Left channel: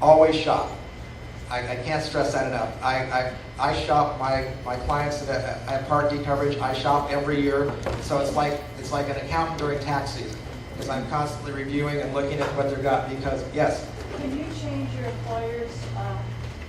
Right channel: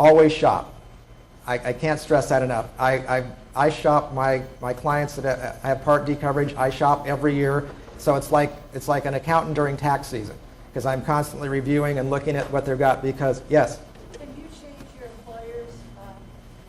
always shop. I can't stress that enough. I shop my clients that have Part D coverage. I shop every year, so it's like an accountant during tax season, because I'm constantly reviewing and looking at what they've got. Because yes. Can you change your employer's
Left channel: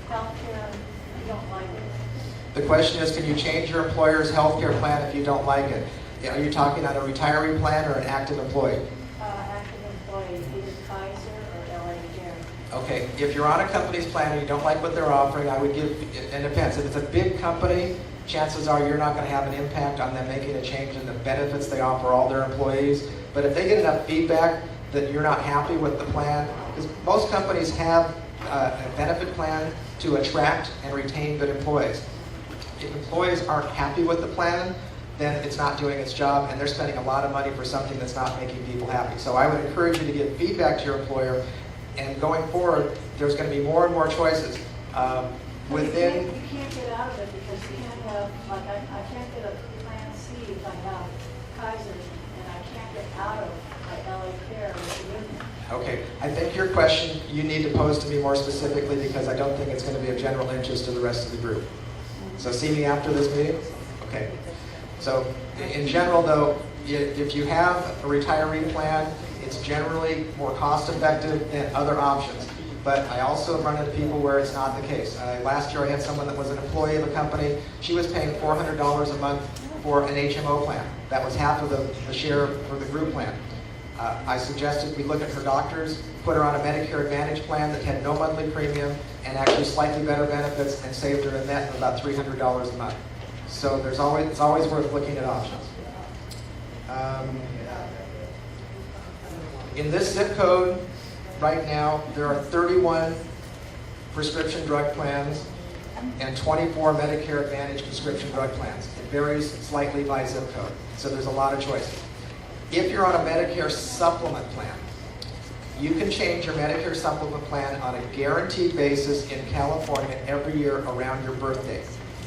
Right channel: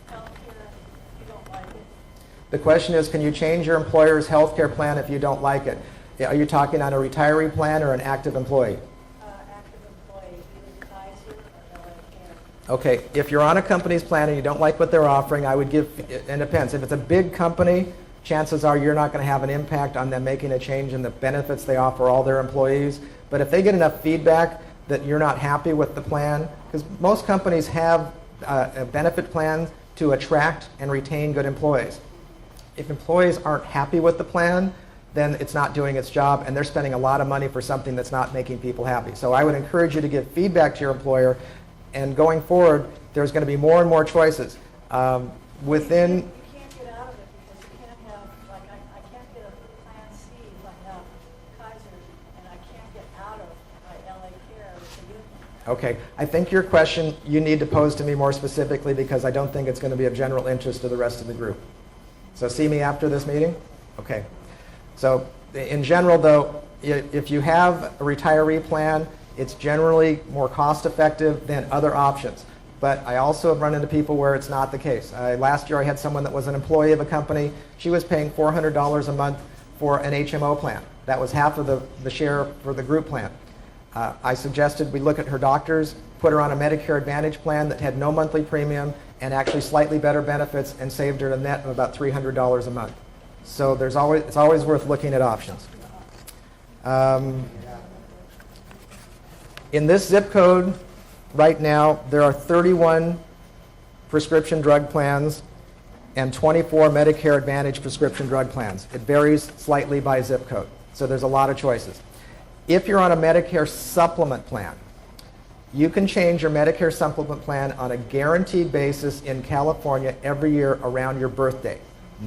health care if you don't like it? The question is, can you change your employer's health care plan if you don't like it? Are you talking on a retiree plan or an active employee? Active employee, either Kaiser or LA Care. Okay, if you're on a company's plan and you don't like what they're offering, I would give, it depends. If it's a big company, chances are you're not going to have an impact on them making a change in the benefits they offer all their employees. But if they get enough feedback that you're not happy with the plan, because most companies have a benefit plan to attract and retain good employees. If employees aren't happy with the plan, then it's not doing its job, and they're spending a lot of money for something that's not making people happy. So I would encourage you to give feedback to your employer, and going forward, there's going to be more and more choices. Within. You can't get out of it because you can't have, like I can't get a Plan C if I have Kaiser, and I can't get out of my LA Care with the Okay, I think your question you need to pose to me more specifically, because I don't think it's going to be of general interest to the rest of the group. So see me after this meeting? Okay. So in general, though, if you have a retiree plan, it's generally more cost effective than other options. But I also have run into people where it's not the case. Last year I had someone that was an employee of a company. She was paying $400 a month for an HMO plan. That was half of the share for the group plan. I suggested we look at her doctors, put her on a Medicare Advantage plan that had no monthly premium and actually slightly better benefits, and saved her a net of about $300 a month. So it's always worth looking at options. In this zip code, right now, there are 31 prescription drug plans and 24 Medicare Advantage prescription drug plans. It varies slightly by zip code, so there's a lot of choices. If you're on a Medicare supplement plan, you can change your Medicare supplement plan on a guaranteed basis in California every year around your birthday.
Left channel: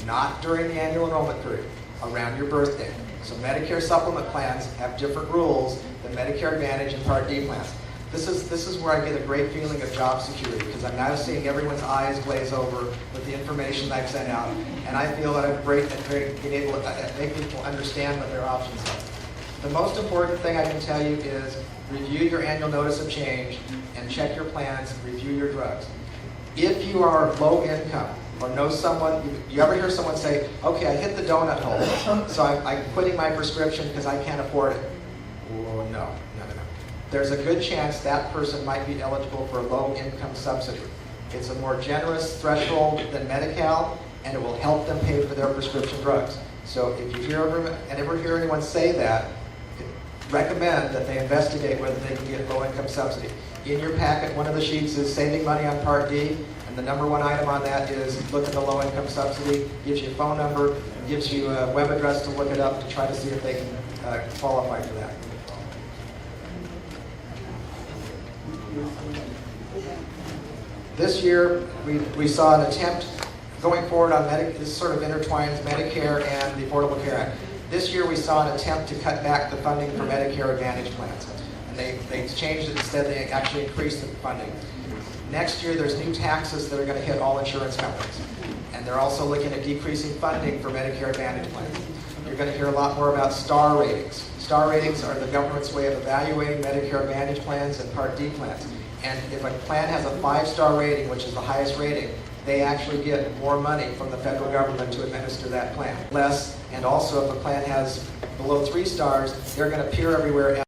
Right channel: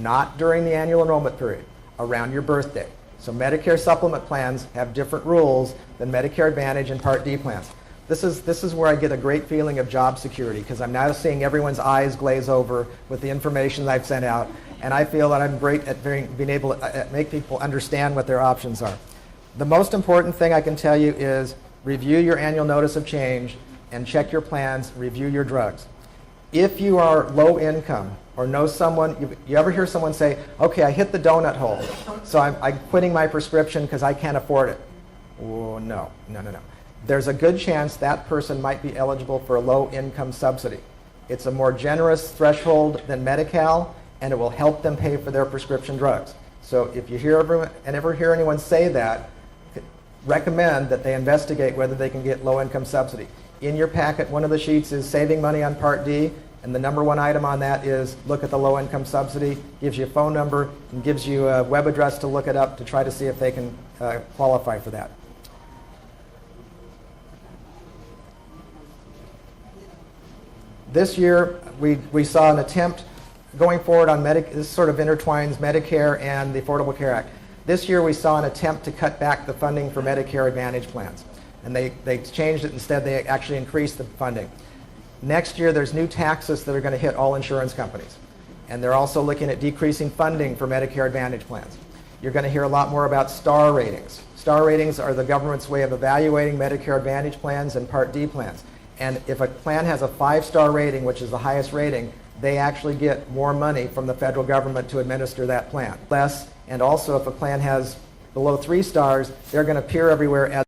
Not during the annual enrollment period, around your birthday. So Medicare supplement plans have different rules than Medicare Advantage and Part D plans. This is where I get a great feeling of job security, because I'm now seeing everyone's eyes glaze over with the information I've sent out, and I feel that I'm great at being able to make people understand what their options are. The most important thing I can tell you is review your annual notice of change and check your plans, review your drugs. If you are low income, or know someone, you ever hear someone say, okay, I hit the donut hole, so I'm quitting my prescription because I can't afford it. Oh, no. There's a good chance that person might be eligible for a low income subsidy. It's a more generous threshold than Medi-Cal, and it will help them pay for their prescription drugs. So if you ever hear anyone say that, recommend that they investigate whether they can get low income subsidy. In your packet, one of the sheets is saving money on Part D. And the number one item on that is look at the low-income subsidy, gives you a phone number, and gives you a web address to look it up to try to see if they can qualify for that. This year, we saw an attempt going forward on this sort of intertwines Medicare and the Affordable Care Act. This year, we saw an attempt to cut back the funding for Medicare Advantage plans. And they changed it. Instead, they actually increased the funding. Next year, there's new taxes that are going to hit all insurance companies. And they're also looking at decreasing funding for Medicare Advantage plans. You're going to hear a lot more about star ratings. Star ratings are the government's way of evaluating Medicare Advantage plans and Part D plans. And if a plan has a 5-star rating, which is the highest rating, they actually get more money from the federal government to administer that plan. Less, and also if a plan has below 3 stars, they're going to appear everywhere